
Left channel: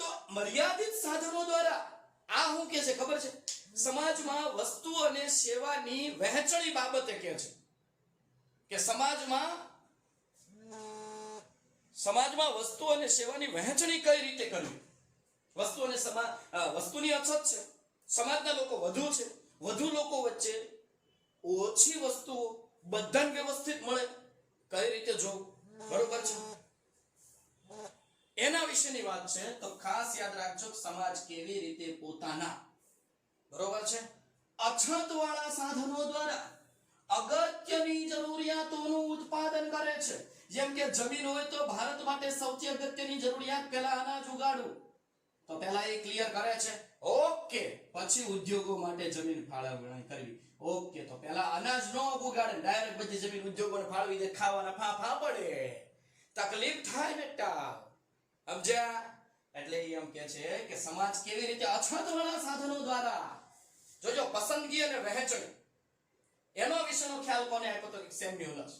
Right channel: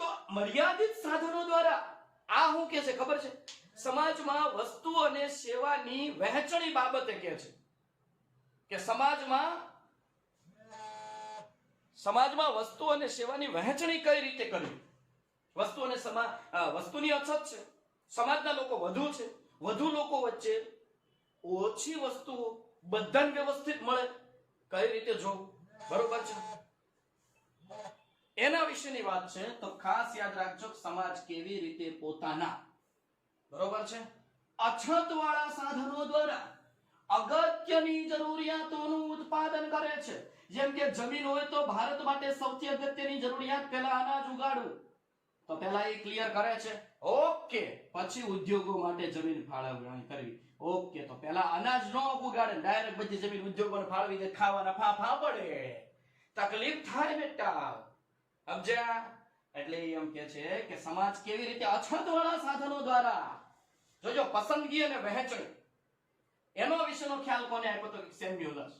તો મર્યાદિત સાધનો દ્વારા આ શું કે છે ખબર છે? સમાજમાં વસ્તુ અને સેવાની વહેંચણી બાબતે કે છે કે સમાજમાં વસ્તુ અને સેવાની વહેંચણી કઈ રીતે કરવી. વસ્તુની અછત છે, સમાજના લોકો વધુ છે, વધુ લોકો વચ્ચે ઓછી વસ્તુઓ બધાને વ્યવસ્થિત મળે, કઈ રીતે જોવું, બરોબર છે? એના વિશેની વાત છે. તો ખાસ યાદ રાખજો, સમાજ કેવી રીતે પોતાના, બરોબર છે, અછતવાળા સાધનો દ્વારા અગત્યની જરૂરિયાતોનું ઉત્પાદન કરે છે. જેમ કે જમીન હોય તો ભારત માટે સૌથી અગત્યની જરૂરિયાત પહેલા અનાજ ઉગાડવું, તો પહેલા એ ક્લિયર કરે છે. ઓકે, પછી ઉદ્યોગો માટે જમીન ફાળવણી કરવી. ઓકે, તો પહેલા અનાજ નો ઉગાડે, ડાયરેક્ટ બધી જમીન ઉદ્યોગોને ફાળવી દે, ખાવાના ફાફા પડે, તકલીફ થાય બેટા. સમજ્યા? એટલે એમ કે છે કે સમાજ કેવી રીતે અછતવાળા સાધનો દ્વારા, જોજો, પસંદગી અને વહેંચણી, એનો વિશેનો ખ્યાલ કોને આપ્યો તો સેમ્યુલસ.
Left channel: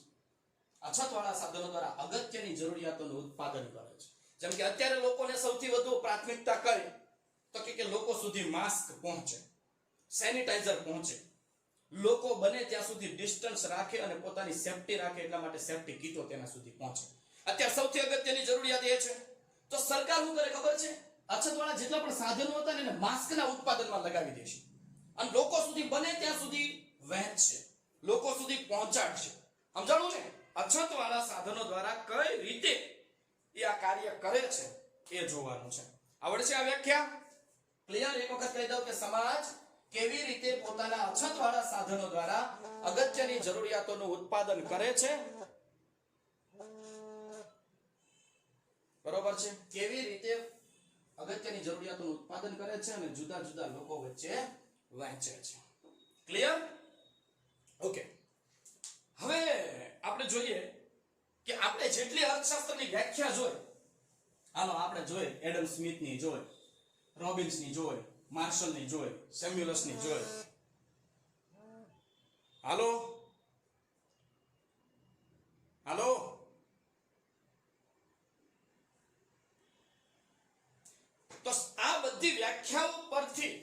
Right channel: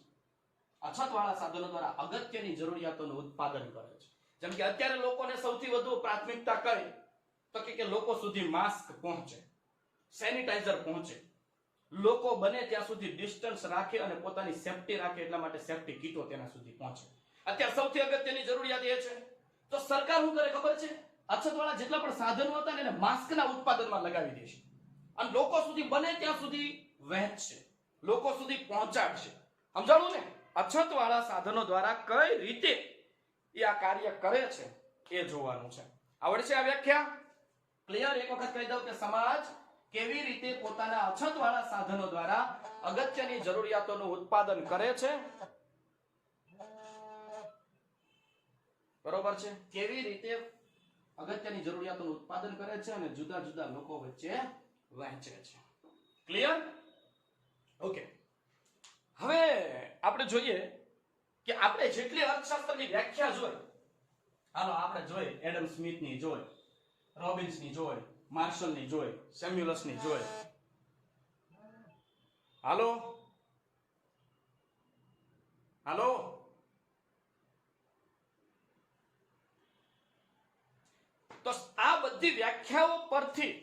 અછતવાળા સાધનો દ્વારા અગત્યની જરૂરિયાતોનું ઉત્પાદન કરે છે. જેમ કે અત્યારે લોકોને સૌથી વધુ પ્રાથમિકતા કઈ, તો કે લોકો સુધી માસ્ક પહોંચે, સેનિટાઈઝર પહોંચે, લોકો બને ત્યાં સુધી ડિસ્ટન્સ રાખે અને પોતાની સેફટી રાખે, એટલા માટે સેફટી કીટો તેના સુધી પહોંચે. અત્યારે સૌથી અગત્યની જરૂરિયાત એ છે. તો સરકાર શું કરે ખબર છે? અછતવાળા જેટલા પણ સાધનો હતા ને એને માસ્કના ઉત્પાદનમાં લગાવી દેશે અને લોકો સુધી બને ત્યાં સુધી વહેંચશે, લોકો સુધી પહોંચાડશે. સમજાણું ને? અછતવાળા સાધનો દ્વારા કઈ રીતે એ આ કાર્ય કરે છે એ જોવાનું છે. આવડશે આ વ્યાખ્યા? ક્લિયર? એક વખત કહી દઉં કે સમાજ કેવી રીતે પોતાના અછતવાળા સાધનો દ્વારા અગત્યની જરૂરિયાતોનું ઉત્પાદન કરે છે, બરોબર છે? કેવી રીતે અગત્યની જરૂરિયાતોનું ઉત્પાદન કરે છે અને જુદા જુદા લોકો વચ્ચે વહેંચે છે. ક્લિયર? ઓકે. હવે આપણે જોઈએ કે આપણે જેટલી અર્થશાસ્ત્રની વ્યાખ્યા જોઈ, હાલો આપણે જોઈ, એડમ સ્મિથની જોઈ, રોબિન્સની જોઈ, માર્શલની જોઈ, સેમ્યુલસની જોઈ. હાલો હાલો તો આ બધી વ્યાખ્યાઓ પરથી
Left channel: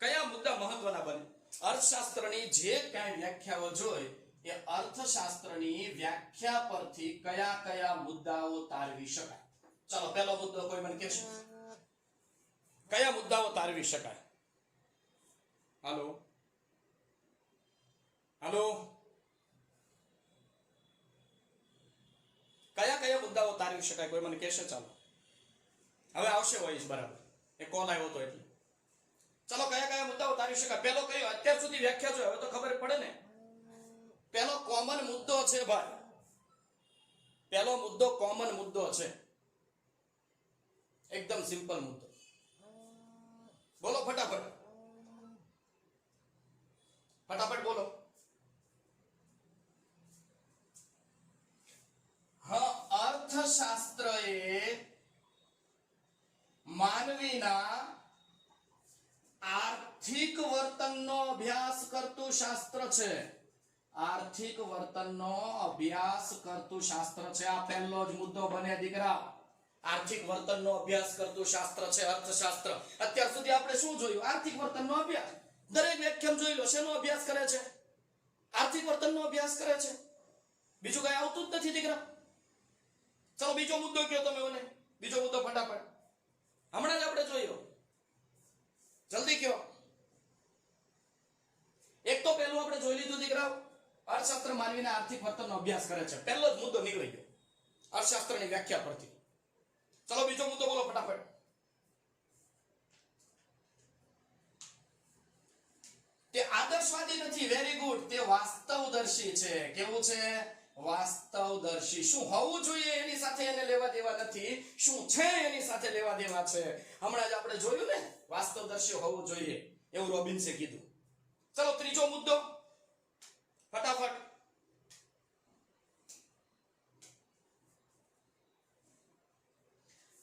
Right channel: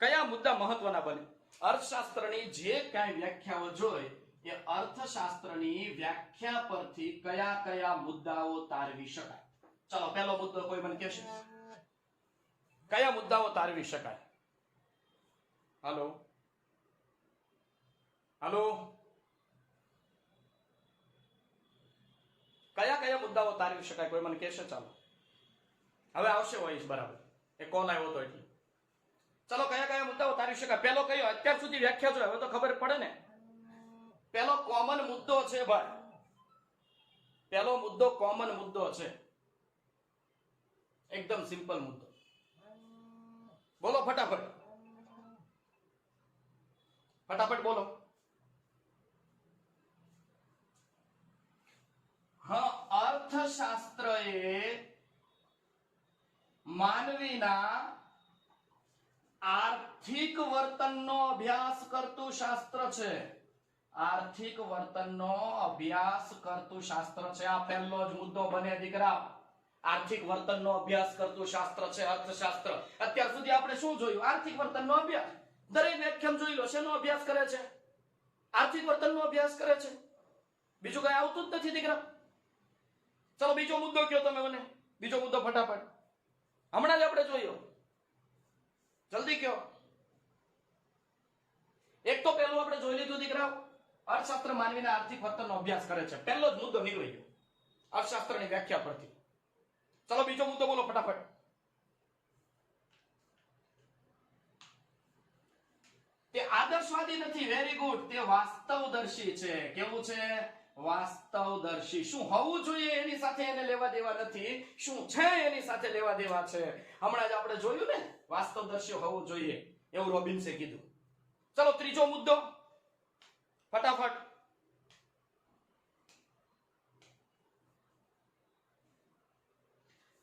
કયા મુદ્દા મહત્વના બને? અર્થશાસ્ત્રની જે કાંઈ વ્યાખ્યાઓ જોઈ એ અર્થશાસ્ત્રની વ્યાખ્યા પરથી કયા કયા મુદ્દાઓ તારવી શકાય. ચલો, પહેલો મુદ્દો કોઈ મને કહેશે? કયા મુદ્દાઓ તારવી શકાય? હાલો હાલો કયા કયા મુદ્દાઓ તારવી શકાય? કોઈ મને કહેશે? ચાલો, હવે આવશે વોઇસ, બરાબર. એ કોલ આવ્યો હતો એટલે. ચલો, કયા કયા મુદ્દાઓ તારવી શકાય? પહેલો કયો? અત્યાર સુધી વ્યાખ્યા જોઈ, હવે તો ખબર પડે ને. પહેલો કોમન મુદ્દો છે ભાઈ, પહેલો મુદ્દો કોમન મુદ્દો છે, એકદમ સિમ્પલ મુદ્દો. બોલો ફટાફટ, ફટાફટ બોલો. હા, અર્થશાસ્ત્ર એ માનવીના આર્થિક વર્તનનો અભ્યાસ કરતું શાસ્ત્ર છે. આર્થિક વર્તનનો અભ્યાસ કરતું શાસ્ત્ર છે. આ પહેલો જ મુદ્દો બને દીકરા. આર્થિક વર્તનનો અભ્યાસ કરતું શાસ્ત્ર છે અર્થશાસ્ત્ર. અત્યાર સુધી આપણે શું જોયું? આર્થિક વર્તનનો અભ્યાસ. દરેક વ્યાખ્યામાં જોઈ લો, શેનો અભ્યાસ કરે છે? આર્થિક વર્તનનો અભ્યાસ કરે છે. બીજું કઈ આવતું જ નથી દીકરા. ચલો, બીજો મુદ્દો કયો તમે મને? બીજો મુદ્દો ફટાફટ, હમણાં જ આપણે જોયો, જલ્દી કયો. એક તો પહેલું આપણે જોઈ લીધું દીકરાઓ, અર્થશાસ્ત્ર માનવીના આર્થિક વર્તનનો અભ્યાસ કરે છે. પહેલો જ મુદ્દો નીકળી ગયો અર્થશાસ્ત્રની વ્યાખ્યા પરથી. ચલો, બીજો મુદ્દો બોલો ફટાફટ. તે આદર્શવાદી નથી, વેરી ગુડ, તે વાસ્તવદર્શી છે. કેવું છે? વાસ્તવદર્શી. શું હોવું જોઈએ એની સાથે એને લેવા દેવા નથી, શું છે એની સાથે લેવા દેવા છે. હમણાં જ આપણે જોયું ને, વાસ્તવદર્શી હોવું જોઈએ એવું રોબિન્સે કીધું. ચલો ત્રીજો મુદ્દો ફટાફટ.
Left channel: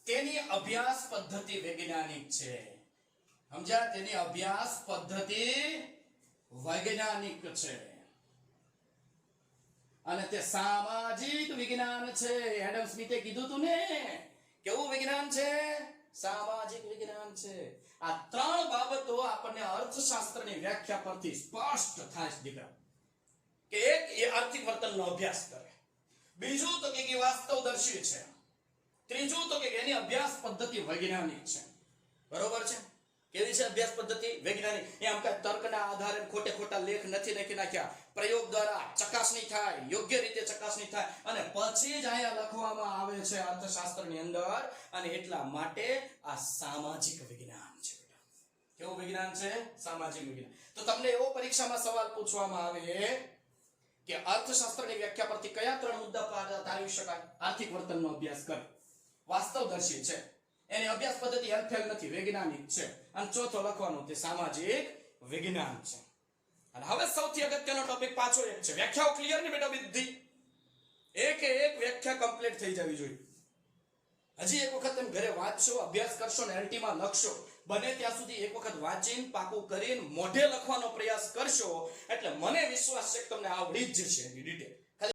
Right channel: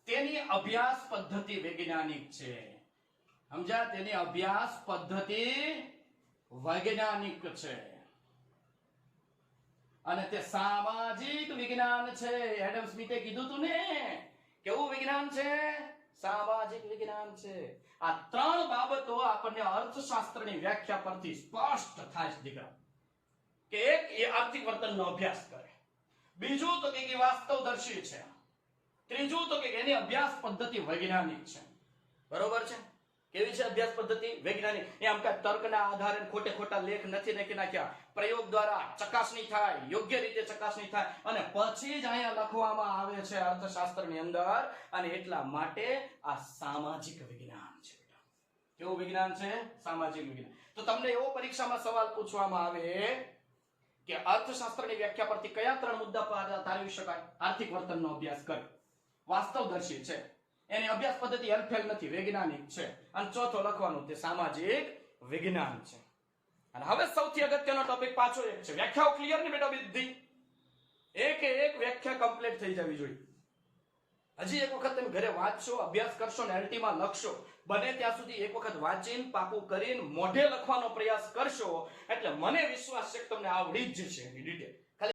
તેની અભ્યાસ પદ્ધતિ વૈજ્ઞાનિક છે. સમજ્યા? તેની અભ્યાસ પદ્ધતિ વૈજ્ઞાનિક છે અને તે સામાજિક વિજ્ઞાન છે. એડમ સ્મિથે કીધું તું ને, કેવું વિજ્ઞાન છે? સામાજિક વિજ્ઞાન છે. આ ત્રણ બાબતો આપણને અર્થશાસ્ત્રની વ્યાખ્યા પરથી સ્પષ્ટ થાય છે દીકરા. કે એક એ આર્થિક વર્તનનો અભ્યાસ કરે, બીજું તો કે વાસ્તવદર્શી છે, ત્રીજું તો કે એની અભ્યાસ પદ્ધતિ વૈજ્ઞાનિક છે. બરોબર છે? કેવી છે અભ્યાસ પદ્ધતિ? વૈજ્ઞાનિક. એમ કે તર્કના આધારે ખોટે ખોટા લેખ નથી લખી નાખ્યા, પ્રયોગ દ્વારા ચકાસણી થાય, યોગ્ય રીતે ચકાસણી થાય અને પછી જ અહીંયા લખવામાં આવે છે અર્થશાસ્ત્રની અંદર. અને એટલા માટે આ સામાજિક વિજ્ઞાન છે. કેવું વિજ્ઞાન છે? સામાજિક વિજ્ઞાન. તો તમને એવો પરીક્ષામાં સવાલ પૂછવામાં આવે કે અર્થશાસ્ત્રની વ્યાખ્યા પરથી કયા ત્રણ મુદ્દા તારવી શકાય? આર્થિક વર્તનનો અભ્યાસ કરે, વાસ્તવદર્શી છે, એની અભ્યાસ પદ્ધતિ હેરફેર નથી, વૈજ્ઞાનિક છે, અને ચોથો લખવાનું તે સામાજિક વિજ્ઞાન છે. અને હવે સૌથી અગત્યનો ટોપિક પાછો એક છે. વ્યાખ્યાઓ ક્લિયર ને બેટા બધી? એક વ્યાખ્યા કમ્પ્લીટ થઈ જવી જોઈએ. હજી એક વખત તમે ઘરે વાંચશો, અભ્યાસ કરશો ને એલટીમાં લખશો. બને ત્યાં સુધી એક વખત વાંચીને પાકું કરીને મોઢે લખવાનો પ્રયાસ કરશો એટલે મને વિશ્વાસ છે કે તમને આવડી જ જશે એની ડિટેલ.